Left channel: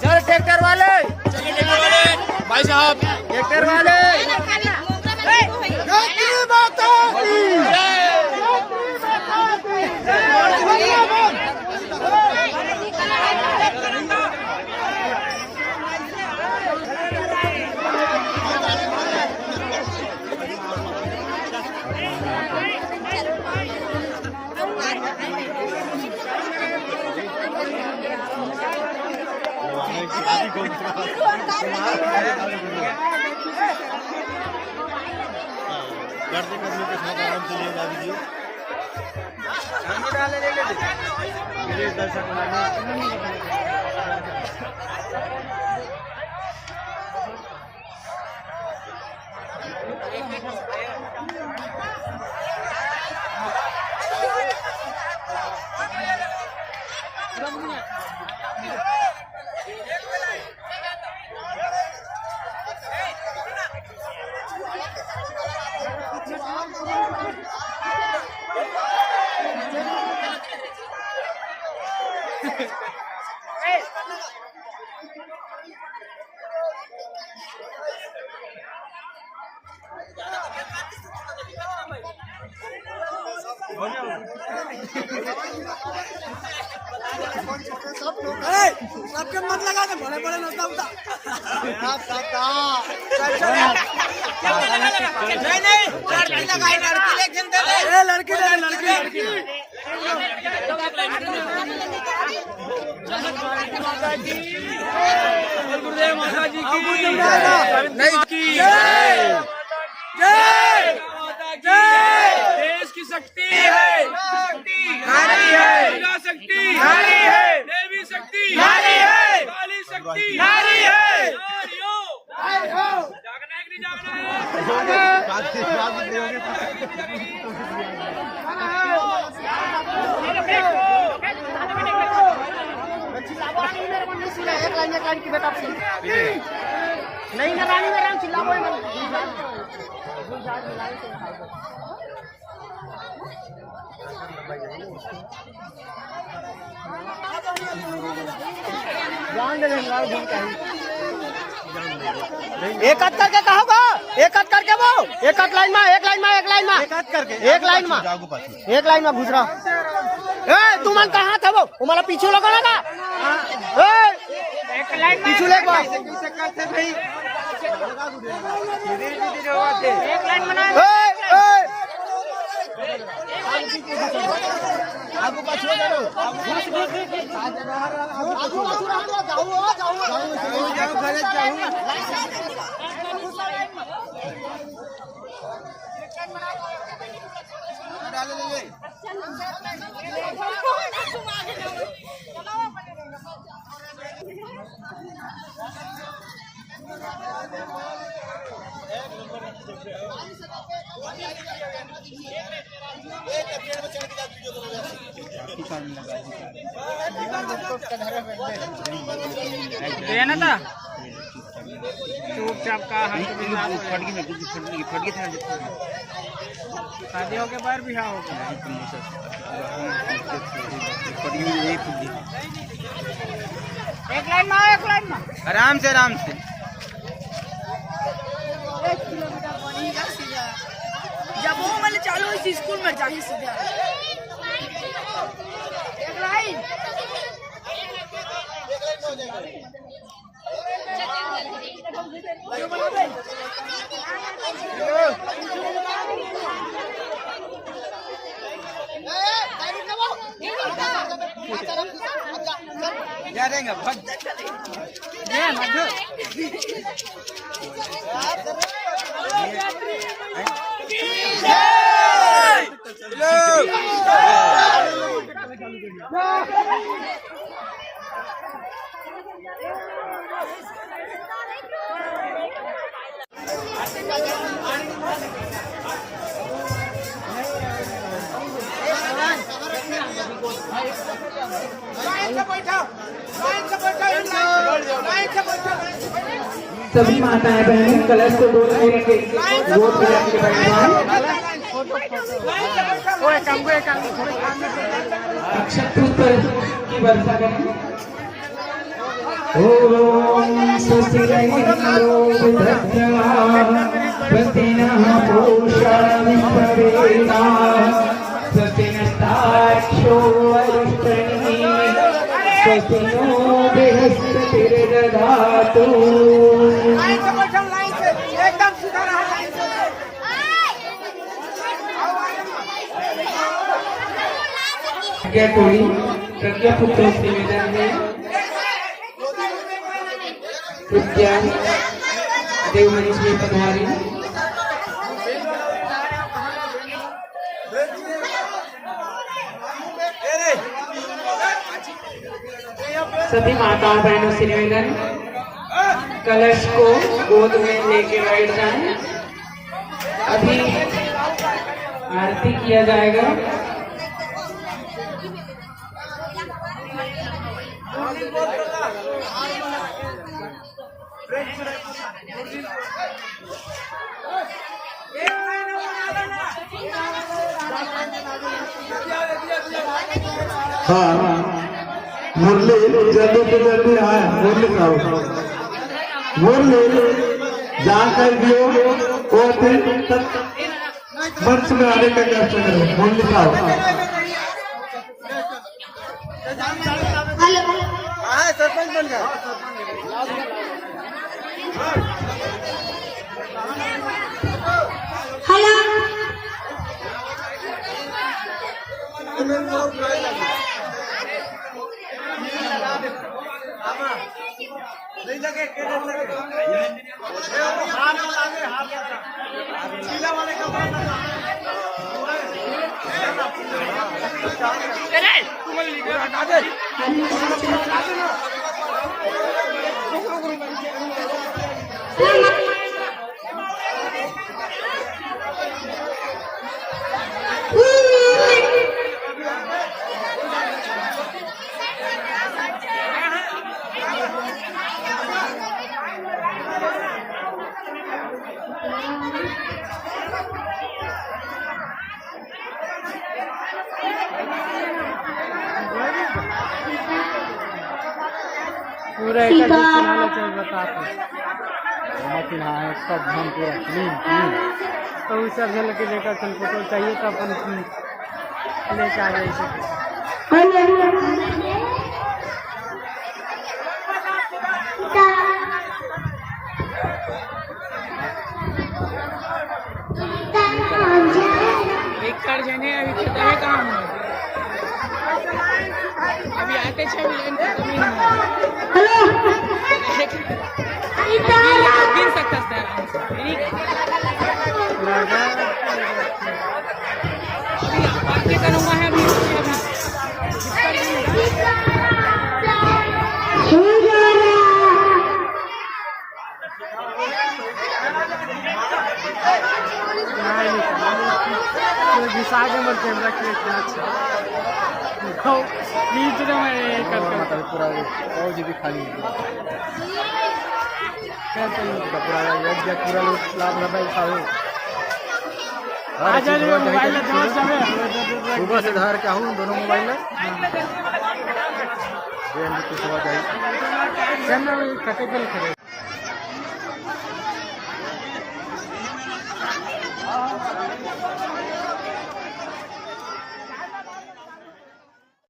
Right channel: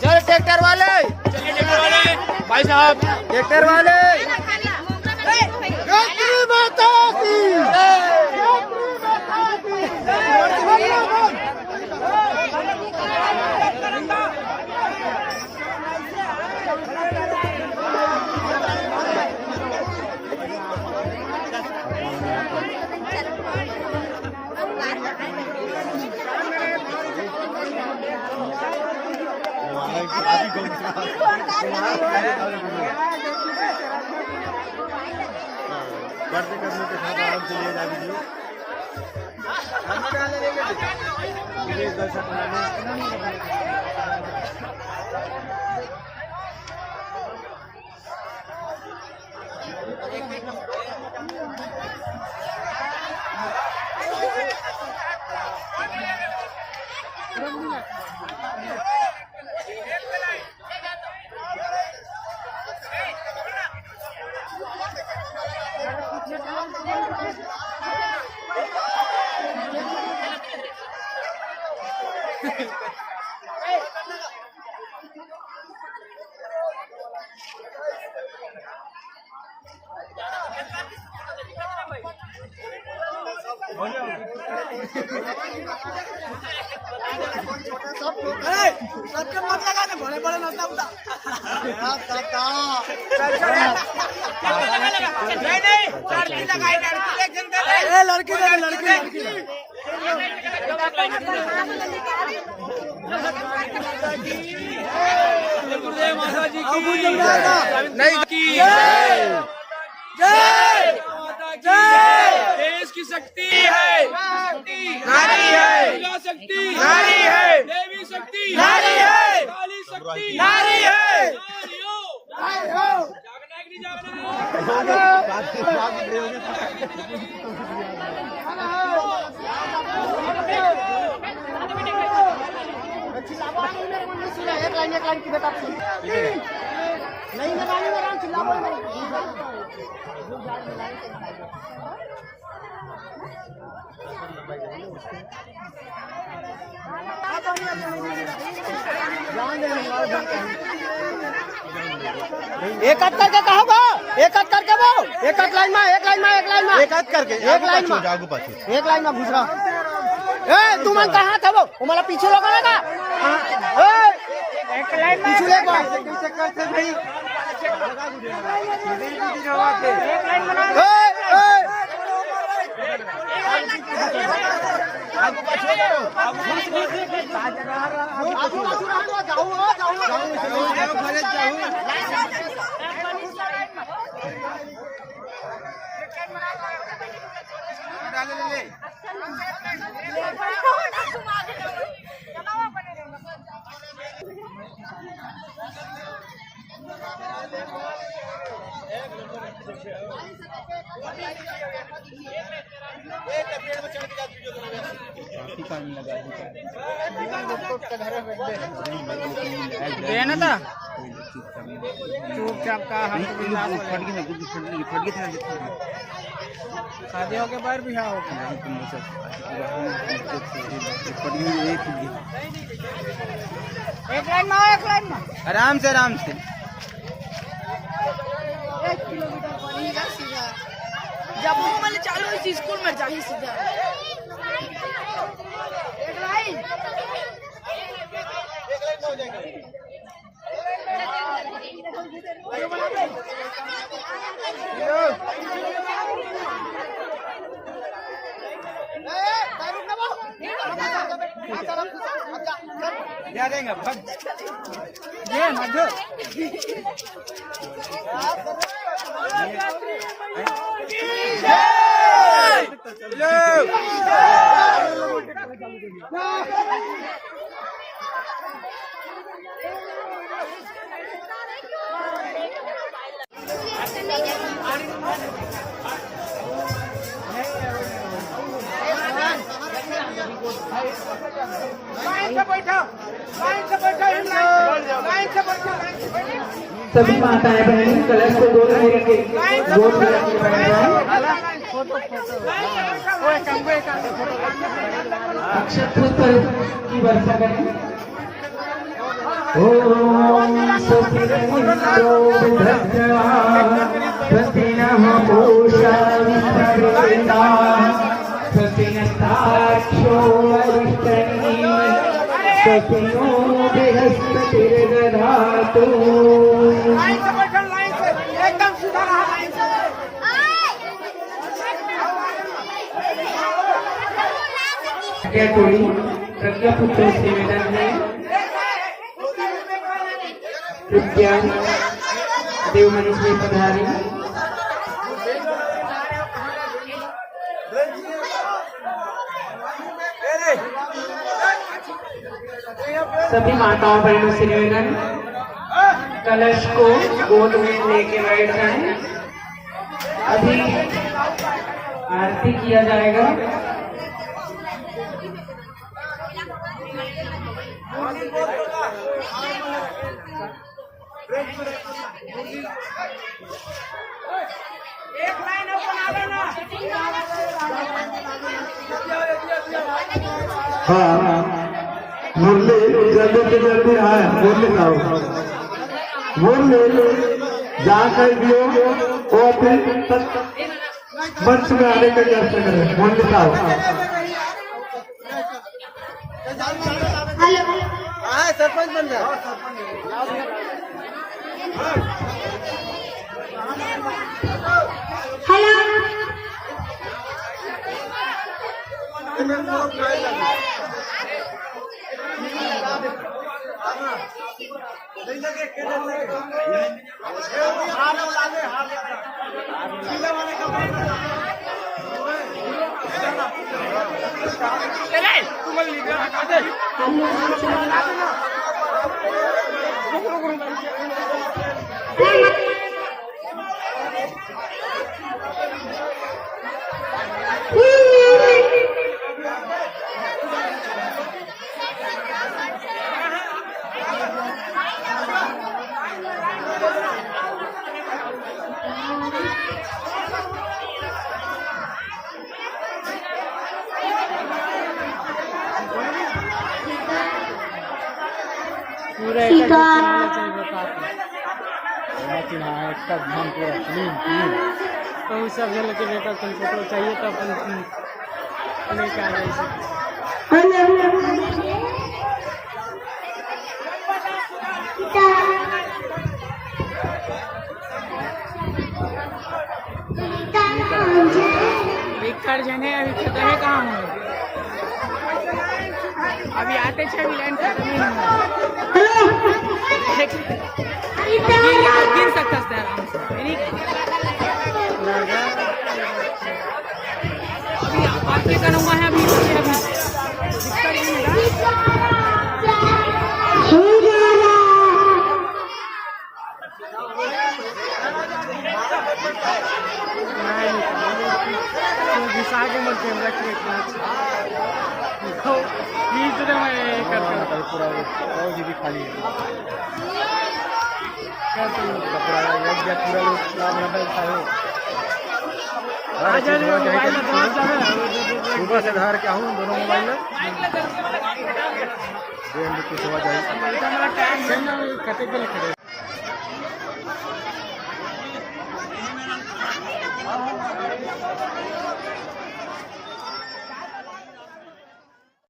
चल ट्रैक्टर वाले भाई साहब, ट्रैक्टर वाले बढ़ते करने के साथ आराम से ले जा दीजिए। हम डाले ले लेते प्लीज दर्शक बनाने सबके मत लगाने बड़े बड़े नोटा उठा लड़की गुरुदेव माता जी की देश की शक्ति है, नारी है, शक्ति नारी है, देवी शक्ति नारी है, काली शक्ति नारी है। जागना है कि नहीं जागना है? एक लाइन की बेटा नहीं ना रानी मेरा चिल्लाबो एक हाथ करके कहोगा, एक हाथ करके वो एक हाथ लाइन में एक लाइन में एक लाइन में घुस रहा। तू मन कहाँ थे वो हमारा पीछे लगा लगा पीछे लगा आगू पाछू करो आगू पाछू रहने जाओ डाले ले देना था चुपचाप का हम शादी हो के बाहर भी हाँ एक लाइन में आराम से 1 किलोमीटर पड़ेगा सीधा जब मैंने चालू इसी स्कूल में जाइए सीधा एक लाइन जा देंगे सभी माताएं बहनें कलश को बोल रहे हैं पुष्प की वर्षा करें। ओम स्वस्ति इंद्रो वृद्धस्याः स्वस्ति नः पूषा विश्ववेदाः स्वस्ति नस्ताक्षो वरिष्ठन्ति स्वस्ति नो बृहस्पतिर्दधातु। एकदम सीधा रहा लाइन से। क्या टोली प्रज्ञा पुत्र निवेदन में प्रज्ञा देव मनीष जी पधारी। सभी माताओं बहनों से निवेदन, कलश को गोद में लेके बैठ जाएं। अभी आरती किया जाएगा। हाँ मुरली जल्दी से जल्दी आए। मुरली साहब मुरली जहाँ कर दियो वो तक मंच में आने का क्या करें। मुरली साहब सरपंच बन गए। पूरा एक चलाना चाहिए बता मशीन हाँ एक ध्यान पूरा क्लीन क्लीन। तो उस सब जल के बेटा कंप्यूटर चाहिए तो अपन लेके आ गए। एक कर देने अभी खत्म कहाँ है। अभी आते छह लाइन खत्म ही गिन सकते हैं आराम से। बातें करूँगा है अभी पूरा जी भी खाली पूरा पूरा लोग लाभ नब्बे सुबह से धार के आऊँ दोनों मोबाइल में सुबह जाए।